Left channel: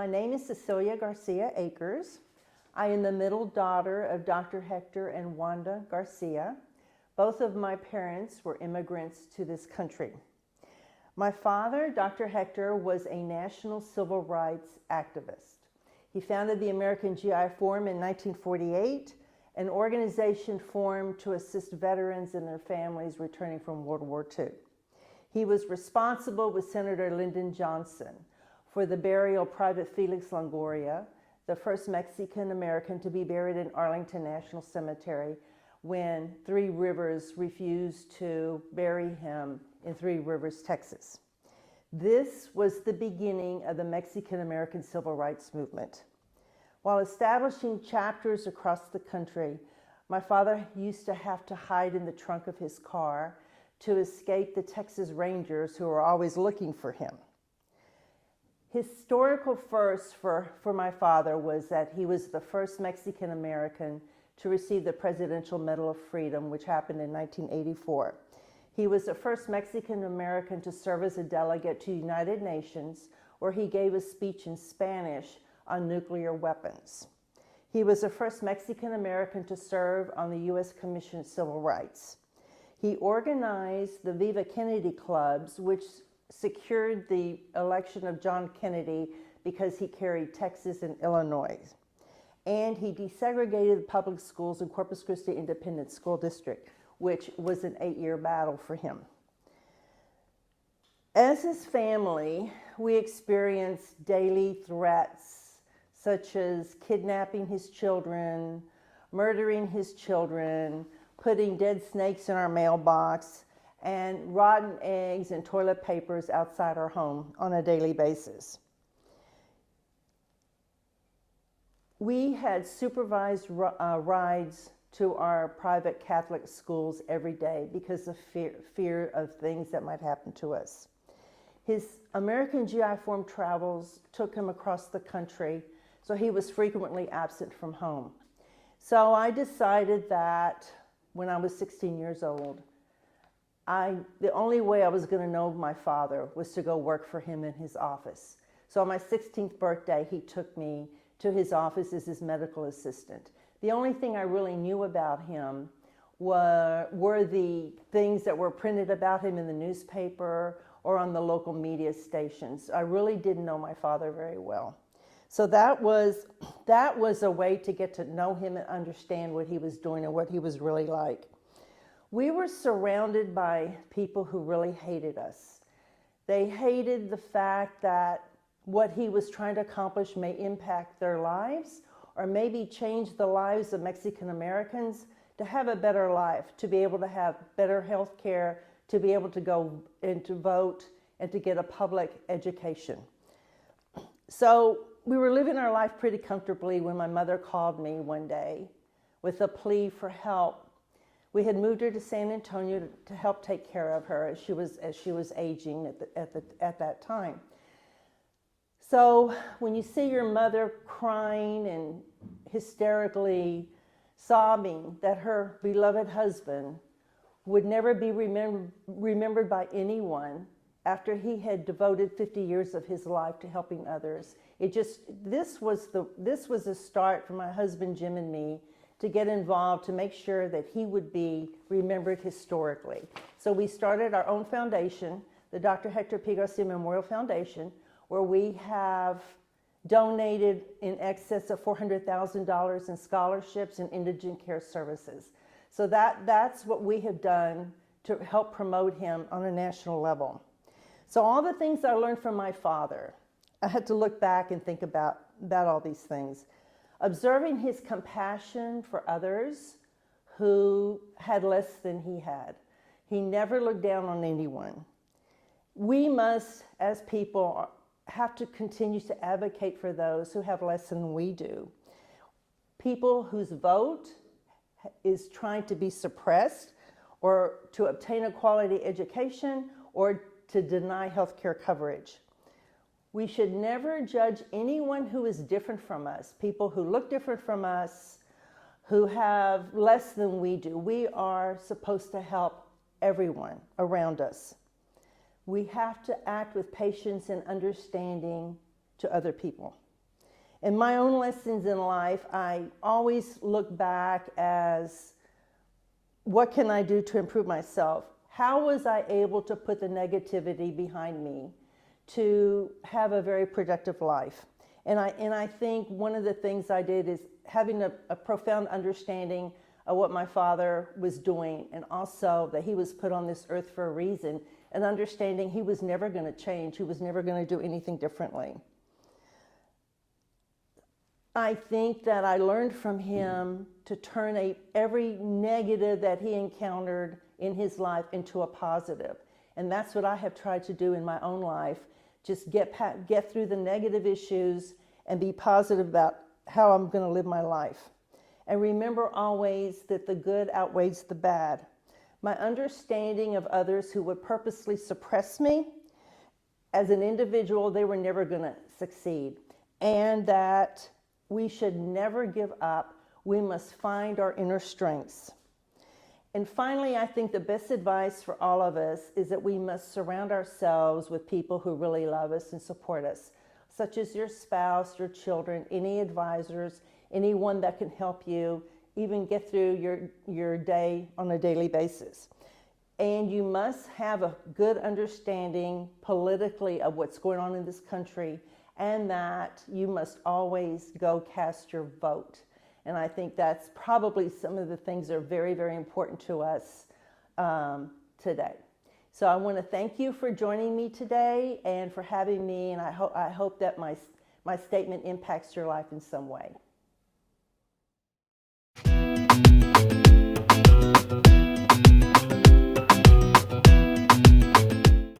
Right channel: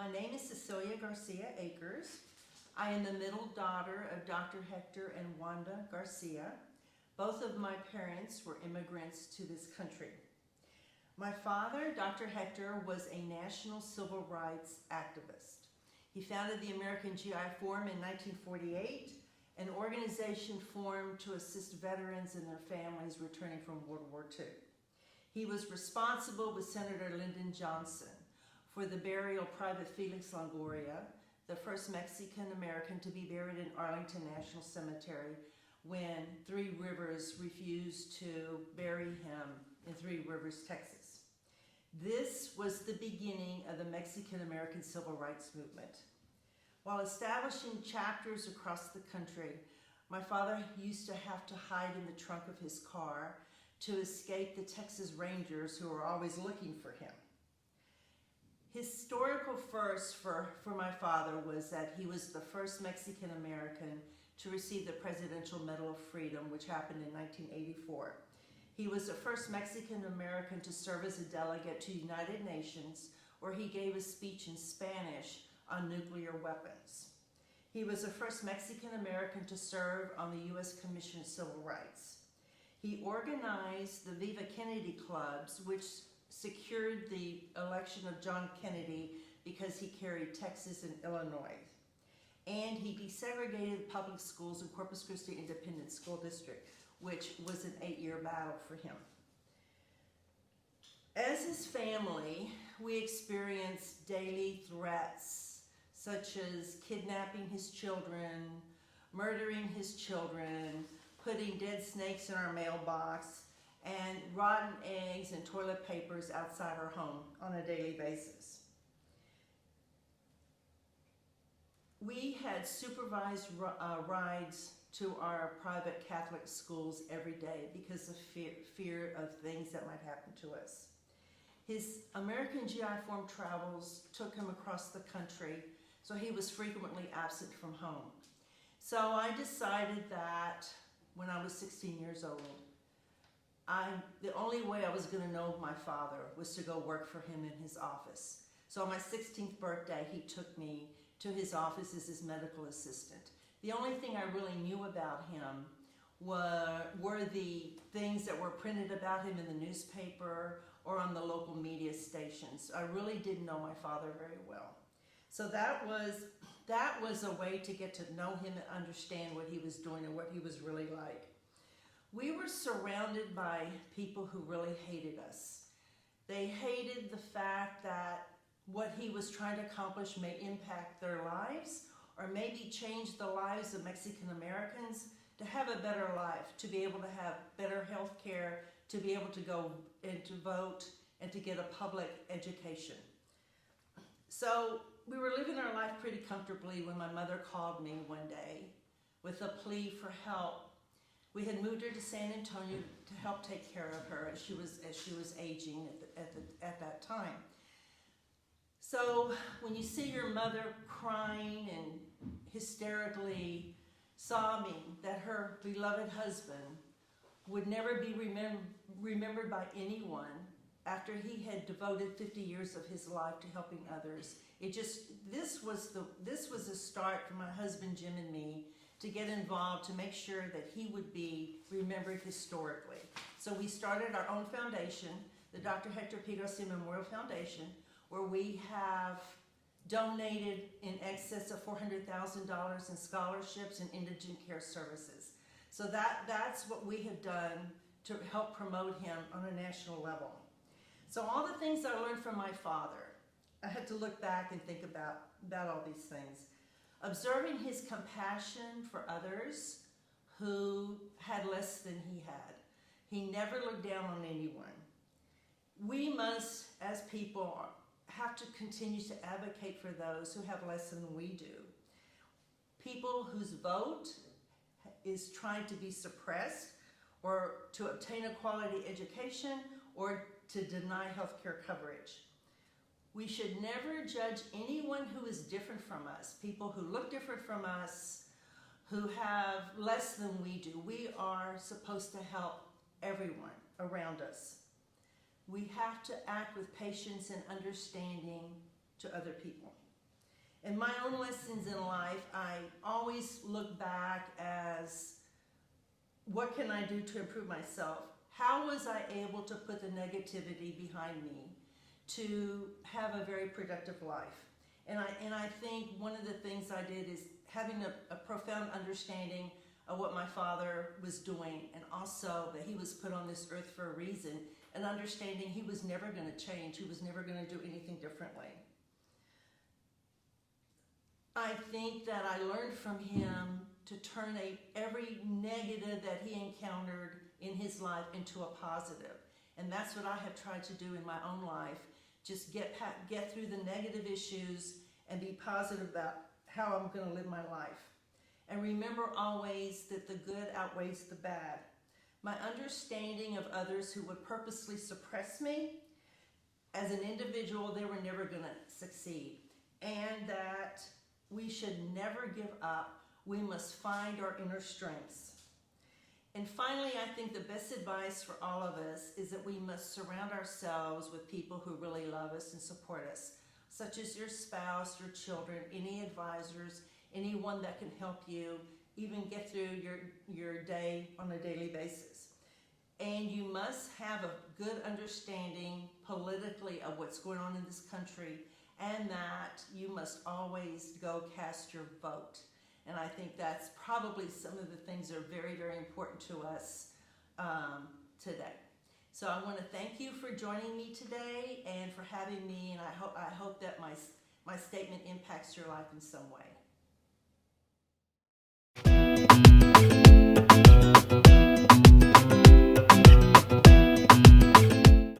My name is Cecilia Garcia Akers. I am the middle daughter of Dr. Hector and Wanda Garcia. Both of my parents were immigrants to this country. My father, Dr. Hector, was a national civil rights activist. He founded the American GI Forum in 1948, an organization formed to assist veterans and their families returning from World War II. He was responsible with Senator Lyndon Johnson for the burial of Private Felix Longoria, the first Mexican-American to be buried in Arlington National Cemetery when Three Rivers refused to bury him in Three Rivers, Texas. This was the beginning of the Mexican-American Civil Rights Movement. While establishing chapters across the country, my father used to have to hide in the trunk of his car to escape the Texas Rangers who were always looking for him. Historical first for my father was that he was the first Mexican-American to receive the Presidential Medal of Freedom, which happened in 1984. He was the first Mexican-American to serve as a delegate to the United Nations, where he gave a speech in Spanish on nuclear weapons. He was the first Mexican-American to serve on the U.S. Commission on Civil Rights. He organized the Viva Kennedy clubs, which secured the election of John Kennedy because he carried Texas and Illinois. And he desegregated the public schools in Corpus Christi Independent School District, which was an 8-year battle for him. As his family, we experienced daily threats such as kidnapping his children, murdering his children, putting dead snakes in our mailbox, and rotten eggs and toilet papers outside our home on a daily basis. We had supervised rides to our private Catholic schools every day because of fear of things that might happen to us. His American GI Forum travels took him across the country, so he was frequently absent from home. So I decided that when I was 16 years old, the only way I was going to know my father was to go work for him in his office. So on my 16th birthday, he took me to his office as his medical assistant. The only thing I really knew about him were the things that were printed about him in the newspaper or on the local media stations. I really didn't know my father very well. So that was a way to get to know him and understand what he was doing and what he was really like. We were surrounded by people who really hated us. They hated the fact that what he was trying to accomplish may impact their lives or maybe change the lives of Mexican Americans to have a better life, to be able to have better health care, to be able to go and to vote and to get a public education. So we were living our life pretty comfortably when my mother called me one day with a plea for help. We had moved her to San Antonio to help take care of her as she was aging at that time. So when you see your mother crying and hysterically sobbing that her beloved husband would never be remembered by anyone after he had devoted 50 years of his life to helping others, this was a start for my husband Jim and me to get involved to make sure that he would be remembered historically. So we started our own foundation, the Dr. Hector P. Garcia Memorial Foundation, where we have donated in excess of $400,000 in scholarships and indigent care services. So that's what we have done to help promote him on a national level. So all the things I learned from my father, I had to look back and think about all these things. Observing his compassion for others who had less than he had. He never looked down on anyone. We must, as people, have to continue to advocate for those who have less than we do. People whose vote is trying to be suppressed or to obtain a quality education or to deny health care coverage. We should never judge anyone who is different from us, people who look different from us, who have less than we do. We are supposed to help everyone around us. We have to act with patience and understanding to other people. In my own lessons in life, I always look back as, what can I do to improve myself? How was I able to put the negativity behind me to have a very productive life? And I think one of the things I did is having a profound understanding of what my father was doing, and also that he was put on this earth for a reason, and understanding he was never going to change, he was never going to do anything differently. I think that I learned from him to turn every negative that he encountered in his life into a positive. And that's what I have tried to do in my own life. Just get through the negative issues and be positive about how I'm going to live my life. And remember always that the good outweighs the bad. My understanding of others who would purposely suppress me, as an individual, they were never going to succeed. And that we should never give up. We must find our inner strengths. And finally, I think the best advice for all of us is that we must surround ourselves with people who really love us and support us, such as your spouse, your children, any advisors, anyone that can help you even get through your day on a daily basis. And you must have a good understanding politically of what's going on in this country, and that you must always go cast your vote. And I think that's probably some of the things that are very, very important to us today. So I want to thank you for joining me today and for having me, and I hope that my statement impacts your life in some way.